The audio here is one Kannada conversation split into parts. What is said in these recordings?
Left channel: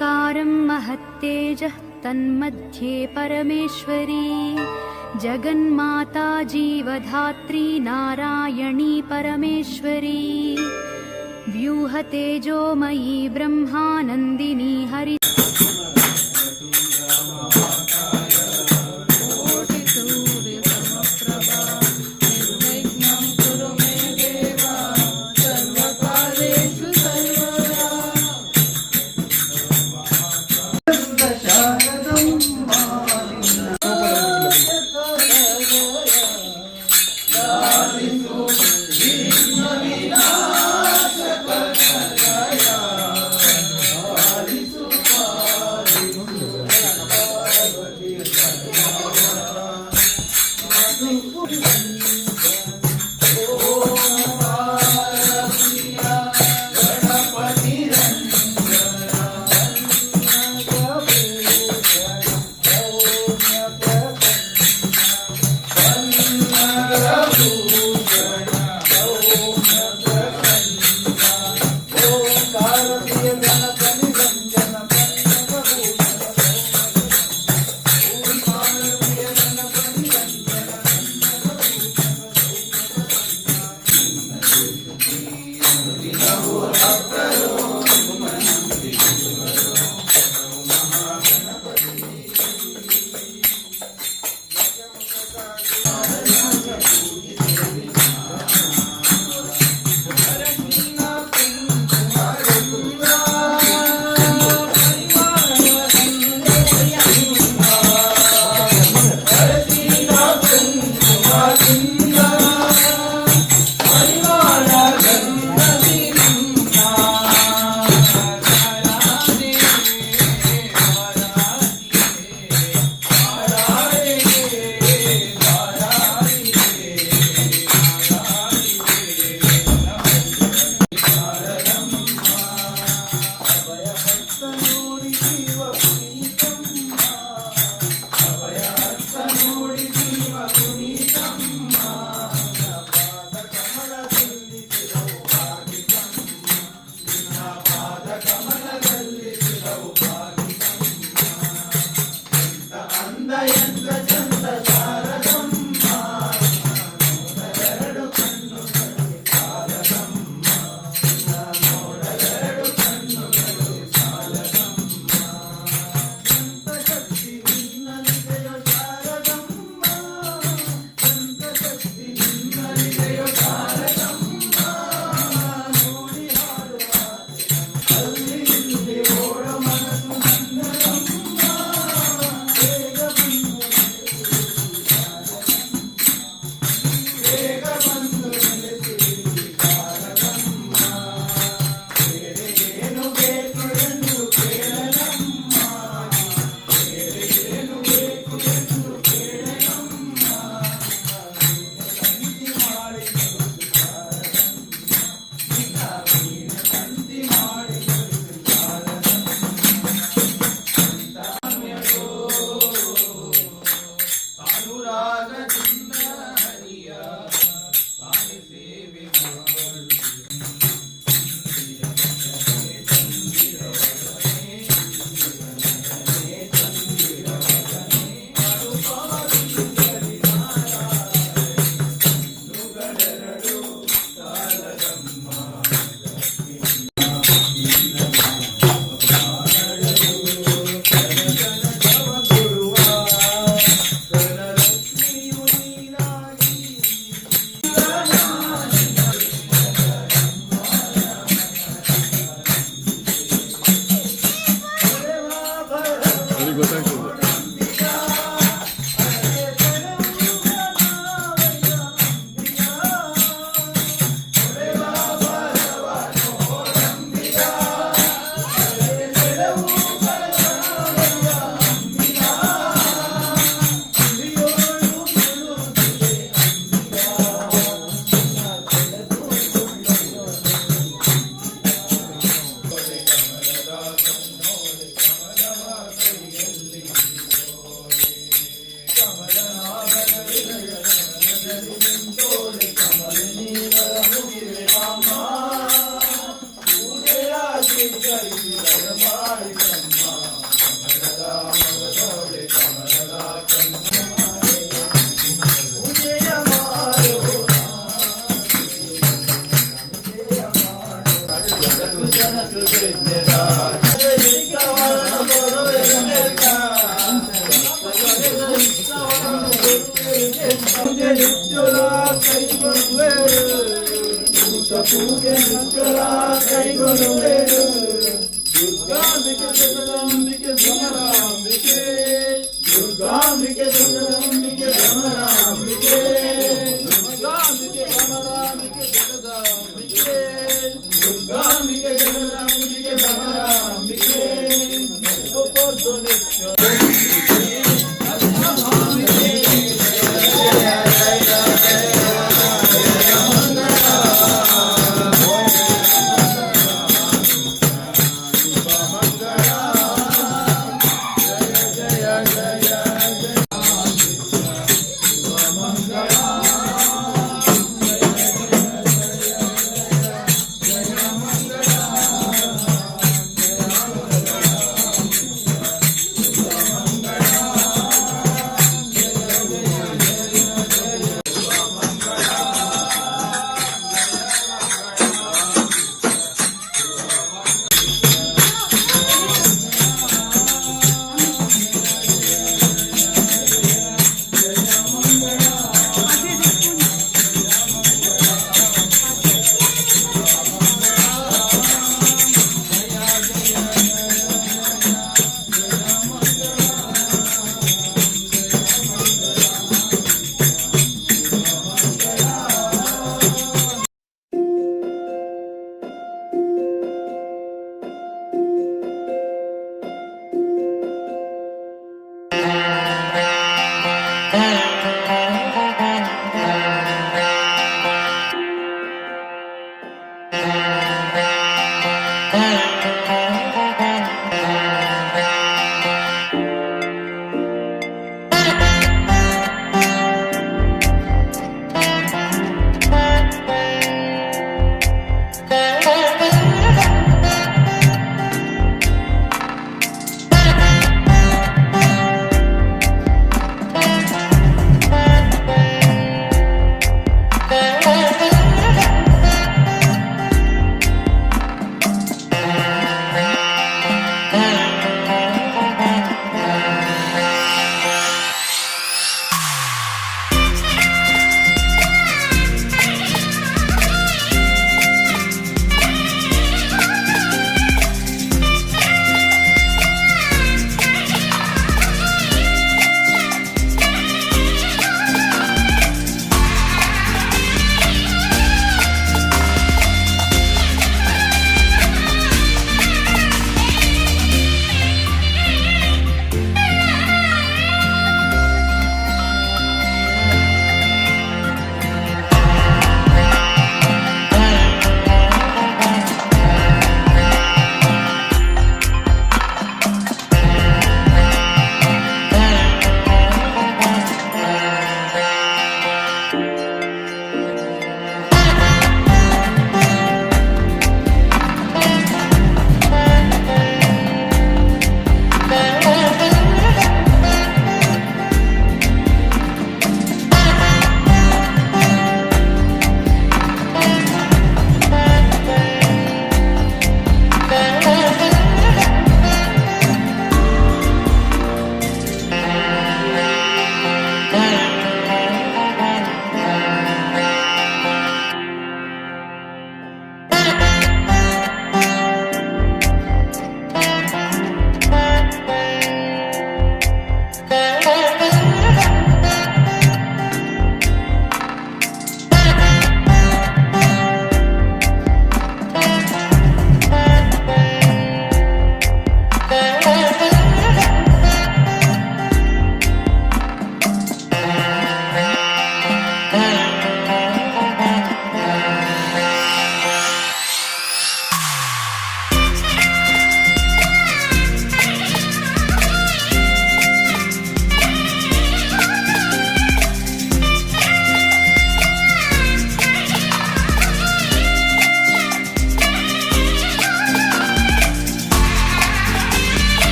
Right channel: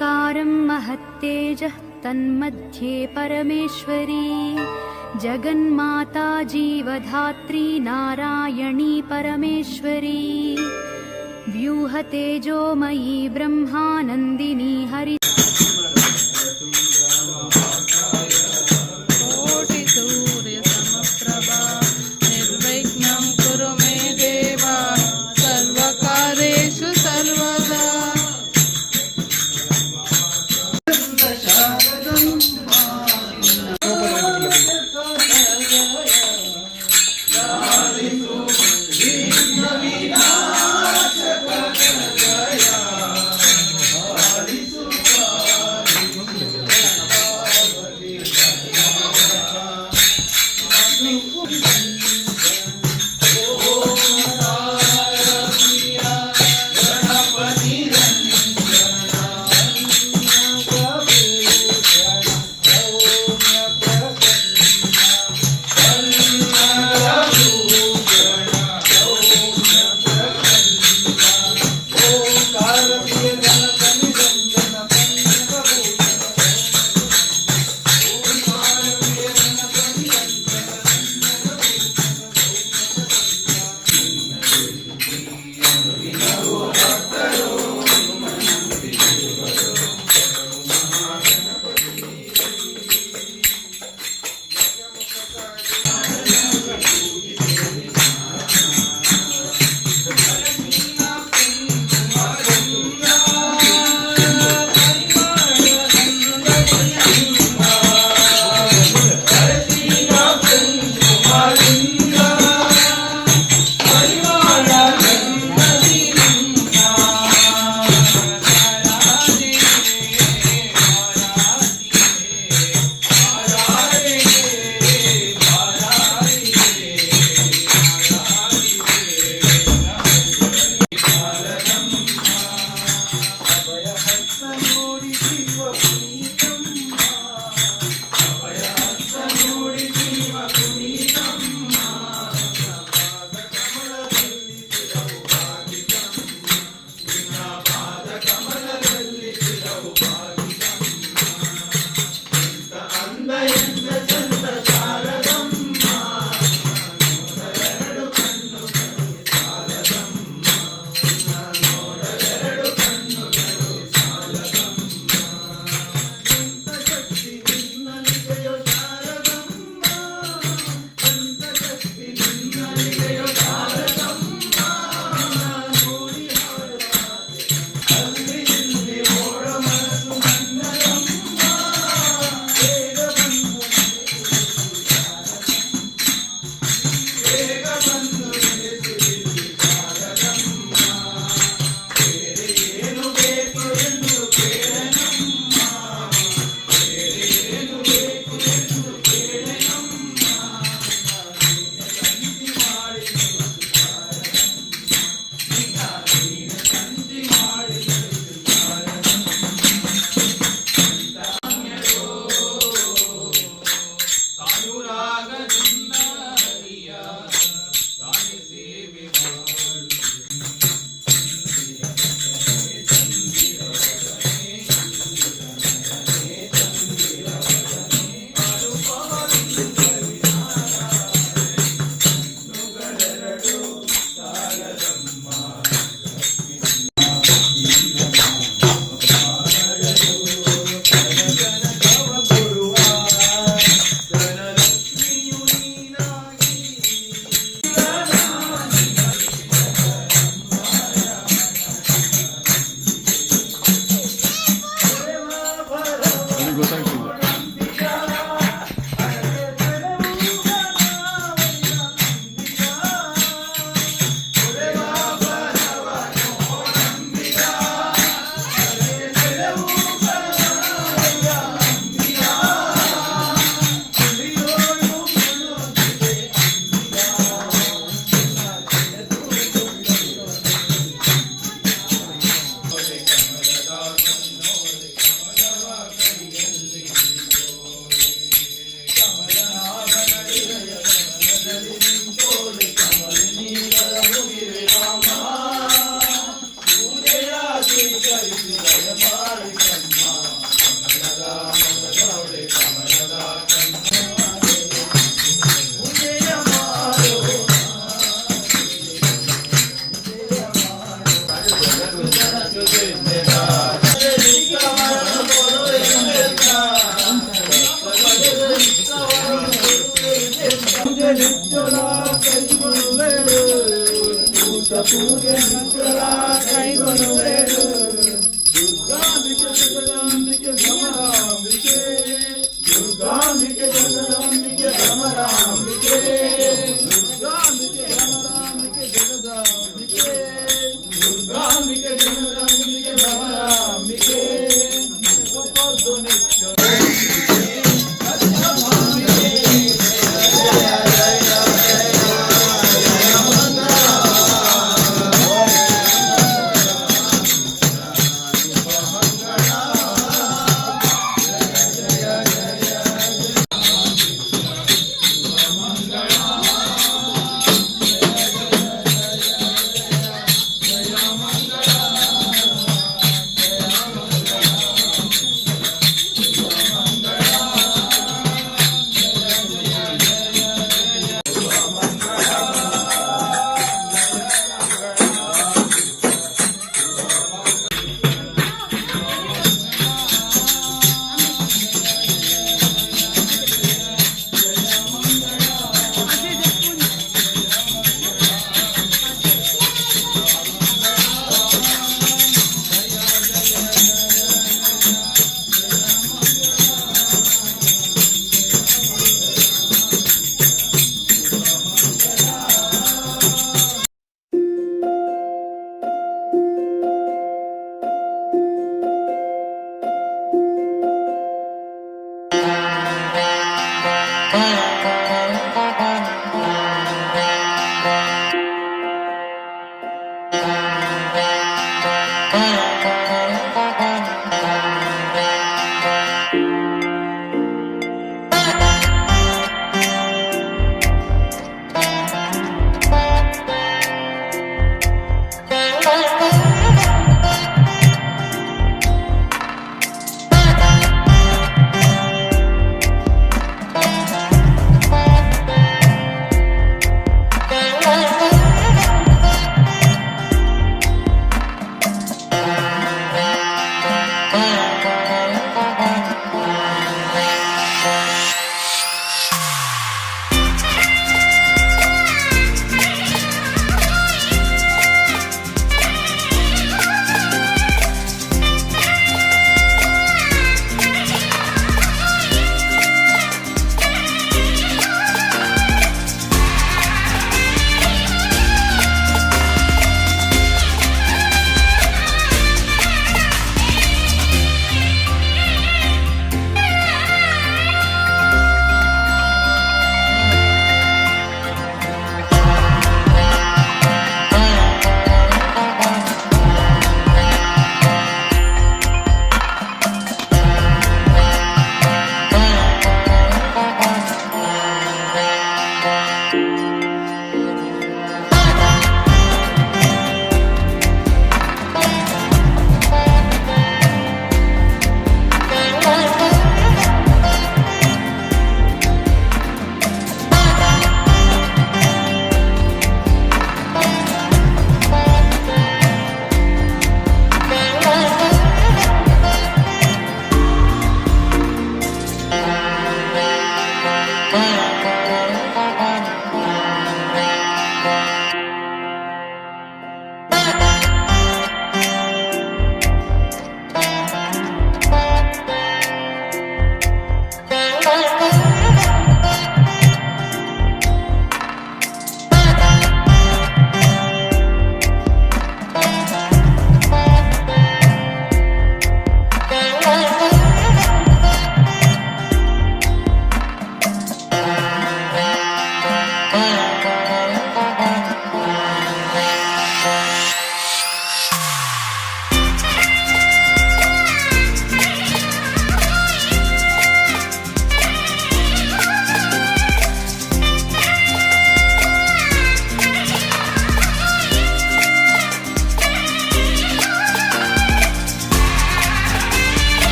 ओङ्कारं महत्तेजः तन्मध्ये परमेश्वरी जगन्माता जीवधात्री नारायणी परमेश्वरी व्यूहतेजोमयी ब्रह्मानन्दिनी हरि ಪೂಜೆ ಮಂತ್ರ ಕೈಗೊಳ್ಳುವೆನು. ದುರ್ಗಾಂಬಿಕೆ ಜಗದಾಂಬಿಕೆ ಭ್ರಮರಾಂಬಿಕೆ, ದುರ್ಗಾಂಬಿಕೆ ಜಗದಾಂಬಿಕೆ ಭ್ರಮರಾಂಬಿಕೆ, ದುರ್ಗಾಂಬಿಕೆ ಭ್ರಮರಾಂಬಿಕೆ ಜಗದಾಂಬಿಕೆ, ದುರ್ಗಾಂಬಿಕೆ ಜಗದಾಂಬಿಕೆ ಭ್ರಮರಾಂಬಿಕೆ.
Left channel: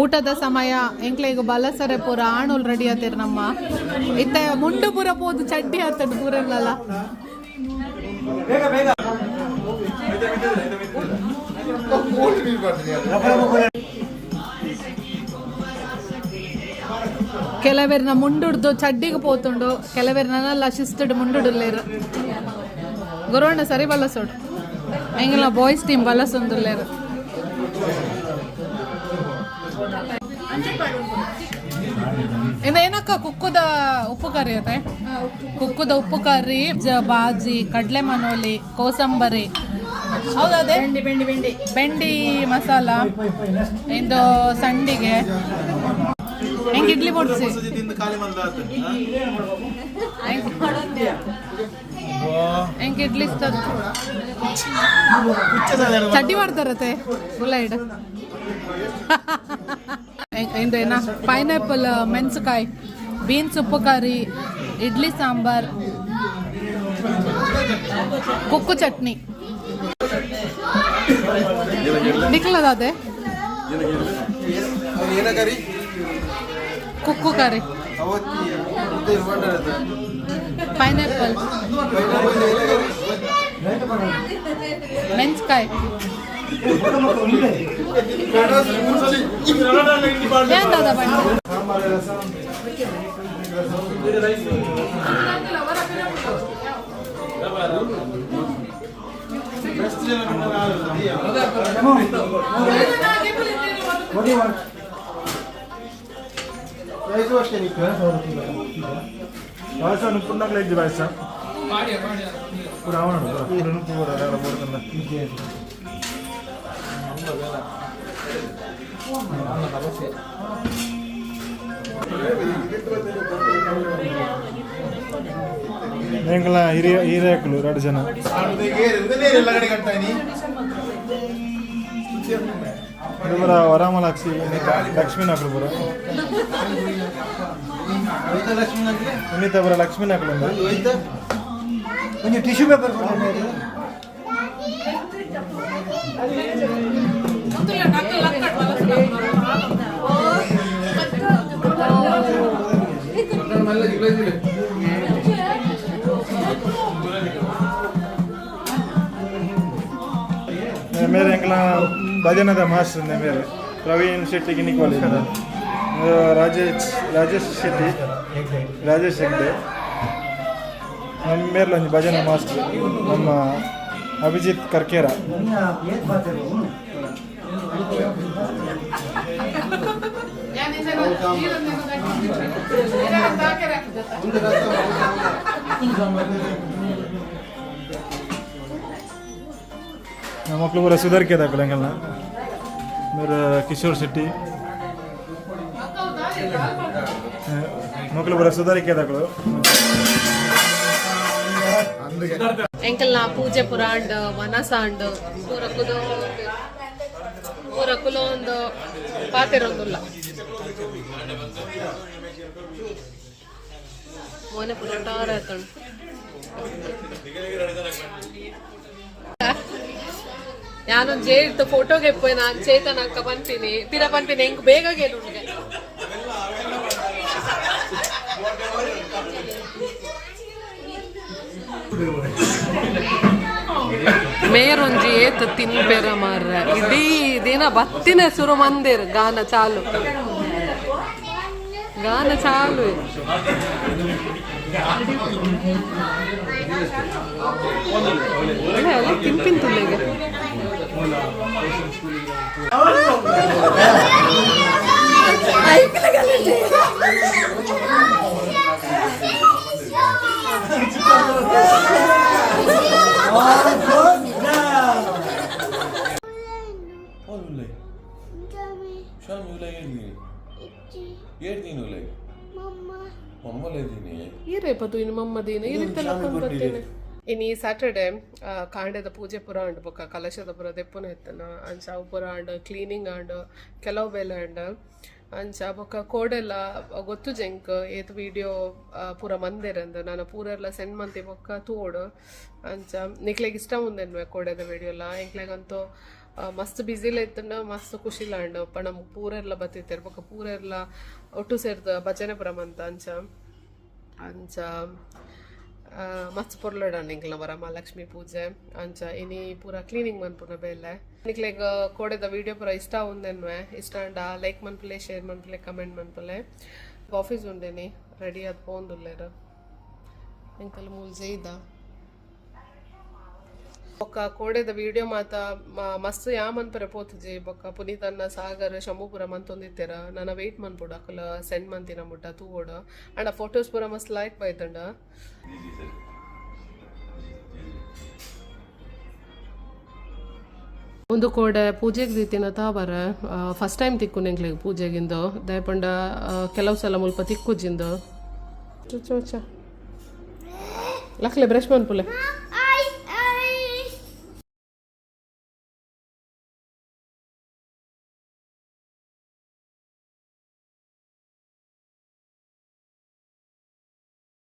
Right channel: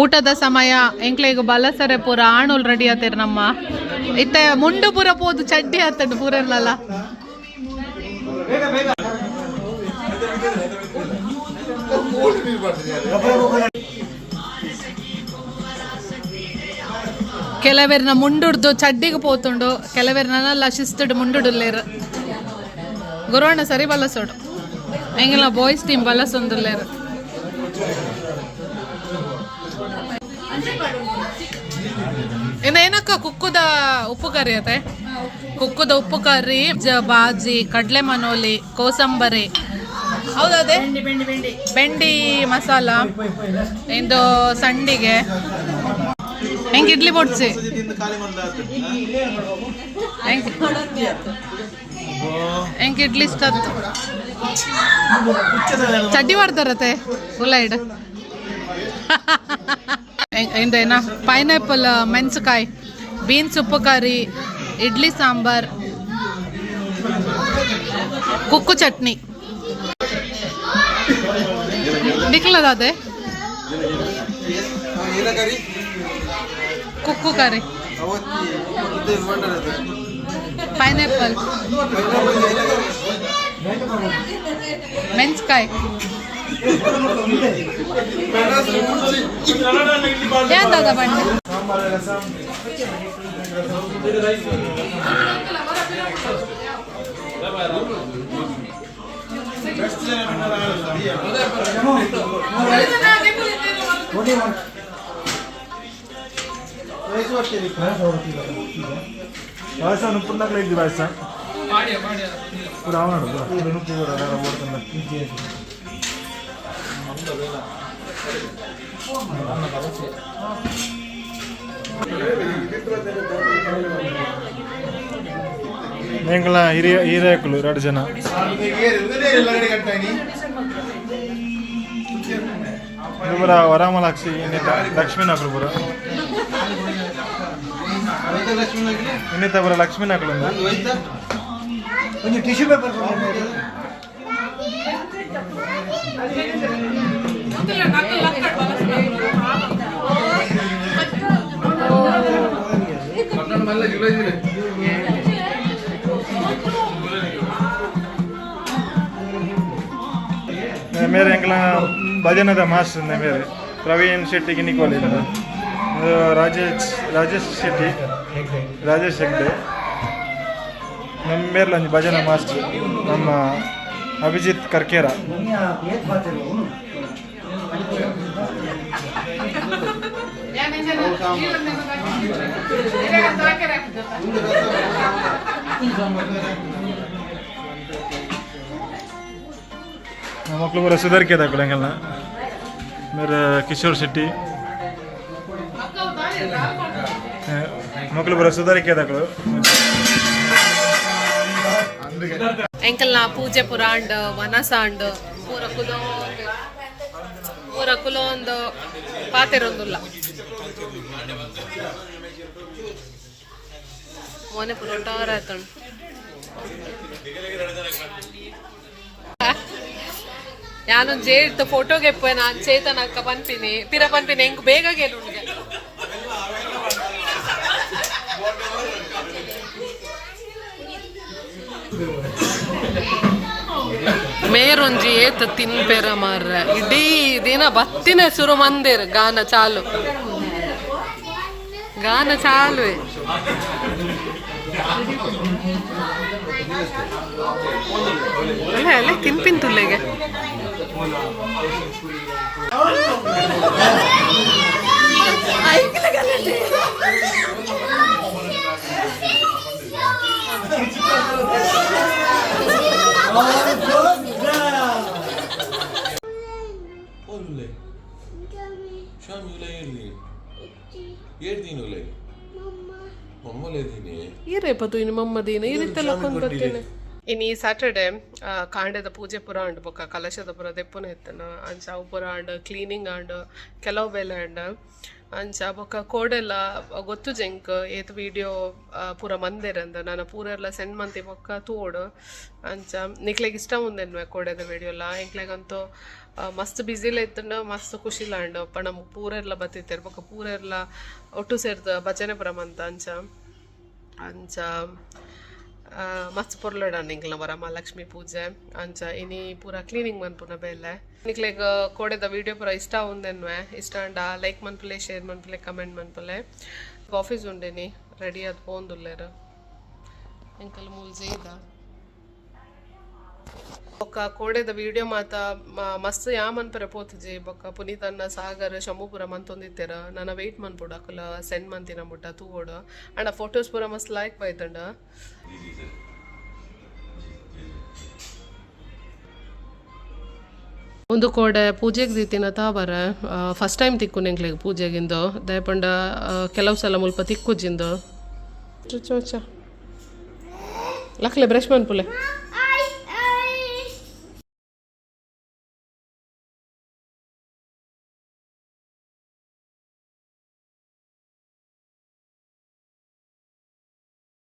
ಊಟದ ಸಮಯ ಎಂಕ್ಲೆಗ್ ಬಲಸರೆ ಪೂರ ಆಣುಲ್ ರೆಡಿ ಆತೇರು ನಮ್ಮ ಇತ್ತ ಮುಂಡು ಪೂರ ಪೋದು ಚಡ್ಡಿ ಆತಂಡು ಪೂರೆಲ್ಲ ಕೆಲವೆರ್ನ ಮುಂಡುಡ್ದು ಚಡ್ಡಿಗೆ ಪೋತುಂಡು ಕೆಲವೆರ್ನಲ್ಲ ಶಿಸ್ತುಡು ಮುಂಡುಡುಲ್ಲೇರು ಗುರುವಣ್ಣ ಸರಿ ಬಲ್ಲಸೋಡು ಹೆಂಗಿಲ್ಲ ಬಾಯ್ಸ್ ಟೀಮ್ ಬಲ್ಲಸೊಂದುಲ್ಲೇರು ಏನಕ್ಕ ಕುಕ್ಕುದ ಉಪ್ಪು ಕರಿ ಅತ್ತೆ ಕುಕ್ಕುದ ಉಪ್ಪು ಕರಿ ಬಾಜಿ ಕಡ್ಲೆ ಮನೋಲಿ ಕೋಸಂಬರಿ ಹೌದದೇ ಬೆಂಡಿ ಮಸಾಲ ಇಂದು ಸಂಡಿಗೆ ಹೆಂಗೆ ಇಡ್ಲಿ ಬೊಡ್ಸಿ ಹೆಂಗೆ ಇಡ್ಲಿ ಇಷ್ಟ ಚಡ್ಡಿ ಮಾಡ್ತಾರತ್ತೆ ಗುಲೈಡ್ ಇಂದೇನ ಪೈನಾಪಲ್ ಮೆಣಸಕಾಯಿ ಬೀನ್ಸ್ ಉಪ್ಪು ಕರಿ ಇಡ್ಲಿ ಸಾಂಬಾರ್ ಕುಕ್ಕು ಚಟ್ನಿ ನಿಕ್ಲದಾದೆ ಕುಕ್ಕು ಕರಿ ಪೈನಾಪಲ್ ಮೆಣಸಕಾಯಿ ಏನ್ ದಾದ ಬಣ್ಣ ಎಂಕಲ ಹಿರಿಯಕಲು 2 ಜನ ಪುರ ವರಾಮಲಾಕ್ಷಿ ಲಕ್ಷ್ಮೀ ನಾಕಲು ಪುರ ಇನ್ನಿತ ಪುರ ಲಕ್ಷ್ಮೀ ನಾಕಲು ಟಿಶ್ಯೂ ಪೇಪರ್ मेरे अंकल भजन मास्टर ने मेरे प्रवीण शेट्टी की निकोली राजेश शेट्टी राजेश हेगड़े नम मेरे भजन मास्टर नम अभिजीत कर्केरा मक्ಳು पूरा सुधर के था अंकल मेरे किशोर शेट्टी मक्ಳು पूरा सुधर के था ಎಂಕಲ್ನ ಪೂಜೆ ಪುರಾಂಡ್ ವನಸಾಂಡ್ ಪೂರ ಕುಲೊಂದು ಪಾತೆರೊಂದುಲ್ಲ ಮೋನೆ ಪುರೊಟ್ಟಾರ ಆಯ್ತಣ್ಣ ഞാനൊന്ന് ചേർത്ത് ഫോട്ടോಗೆ പോയി ನಾನು ಚೇತನಕ್ಕ ಪನ್ಪಿನಿ ಪಿರ ಪನ್ಪಿನಿ ಹೆಂಗ್ ಬೇಗ ಗೆಲು ಮೇರೊಂಜಿ ಏತ ತಿನ್ಪೆರ ಮಾರ್ರ ಇಡೀ ದಿನ ಬತ್ತಿನ ಸುರು ಮಂದಿರ ಗಾನ ಚಾಲು ಅಲ್ಲ ತಿನ್ಪಿನ್ ತುಲ್ಲೆಗೆ ಇನ್ನು ಸ್ಯಾಟರ್ಡೆ ಕಾಂಡದ ಪೂಜೆ ಪುರ ಅಂಡ್ ಬೊಕ್ಕ ಕಲಶದ ಪುರ ದೆಪ್ಪುನ ಎತ್ತನ ಅಂಚ ಅವು ಪುರ ಅಂಡ್ ಕ್ಲೀನಿಂಗ್ ಅಂಡ್ ಕೆಲವು ಬೇಲೆ ಅಂಡ್ ಅಂಚ ಬೊಕ್ಕ ಕೋಡೆಲ್ಲ ಗೊತ್ತು ಜಂಕ್ ಏತ್ ವಿಡಿಯೋ ಪೂರ ಮಂದಿರಂದ ನಾನು ಪೂರ ಎಲ್ಲ ಸೆಂಡ್ ಮಂತಿ ಬೊಕ್ಕ ತೋಡು ಅಂಚ ನಿಕ್ಲೆಗೆ ಇಷ್ಟ ಮುಂದೆನ್ವೆ ಕೋಡೆದ ವಿಡಿಯೋಲ್ಲ ಎಂಕ್ಲೆಗಂತೂ ಮಸ್ತ್ ಬ್ಯುಸಿಲ ಇತ್ತಂಡ ಮಸ್ತ್ ಖುಷಿಲ ಅಂಡ್ ಪಣ ಪೂರೆಲ್ಲ ಬತ್ತಿರ್ತಾರೆ ಬೊಕ್ಕ ಪೂರೆಲ್ಲ ಒಟ್ಟು ಸೇರ್ತ ಭಜನೆ ಪುರಮಂತ ಅಂಚ ಮಸ್ತ್ ಪೊರ್ಲಡಾನ್ ಇಂಕ್ಲ ವರಮಹಾಲಕ್ಷ್ಮಿ ಪೂಜೆ ಅಂಚ ಇನಿ ಪೂರ ಕ್ಲೀನಿಂಗ್ ಮನ್ಪುನ ಬೇಲೆ ನಿಕ್ಲೆಗ್ ಕೋಡೆದ ವಿಡಿಯೋ ಪೂರ ಇಷ್ಟ ಉಂದೆನ್ವೆ ಇಷ್ಟ ಅಂಡ ಲೈಕ್ ಮನ್ಪುಲೆ ಶೇರ್ ಮನ್ಪುಲೆ ಕಮೆಂಟ್ ಮನ್ಪುಲೆ ಆಫೀಸ್ ಉಂಡೇನಿ ರೆಡಿ ಆದ್ ಪೋಂದುಲ್ಲೇರ ಎಂಕಲ್ ಮೂಲ್ ಜೇದ ಬೊಕ್ಕ ಕೋಡೆದ ವಿಡಿಯೋ ಮಾತ ಮಸ್ತ್ ಯಾಮನ್ಪರೆ ಪೋತುಜಿ ಬೊಕ್ಕ ಪುನೀತನ್ನ ಸಾಗರ್ ಶಂಭುಪುರ ಮಂತೊಂದಿತ್ತೆರ ನನ್ನ ವೆಯ್ಟ್ ಮನ್ಪುಡು ಅಕುಲ ಸೆಂಡ್ ಮಂತಿನ ಮುಟ್ಟ ತೂವೋಡು ಅಂಡ ಫೋಟೋಸ್ ಪೂರ ಮಸ್ತ್ ಲೈಕ್ ಬೈತಂಡ ಒಂದು ಕೋಡೆ ಪೂಜೆಗೆ ದಿತ್ತಿನ ತಾವರ ಫಸ್ಟ್ ಟೈಮ್ ತಿಕ್ಕು ನೆಂಕ್ಲಿಗೆ ಪೂಜೆಗಿಂದು ದಯಪಂಡ ಕೆಲವು ಸಲ ಮುಲ್ಪ ತಿಕ್ಕುಜಿಂದು ಚೋಚ ಲಕ್ಲೆ ಬ್ರಷ್ ಮನ್ಪುಲೆ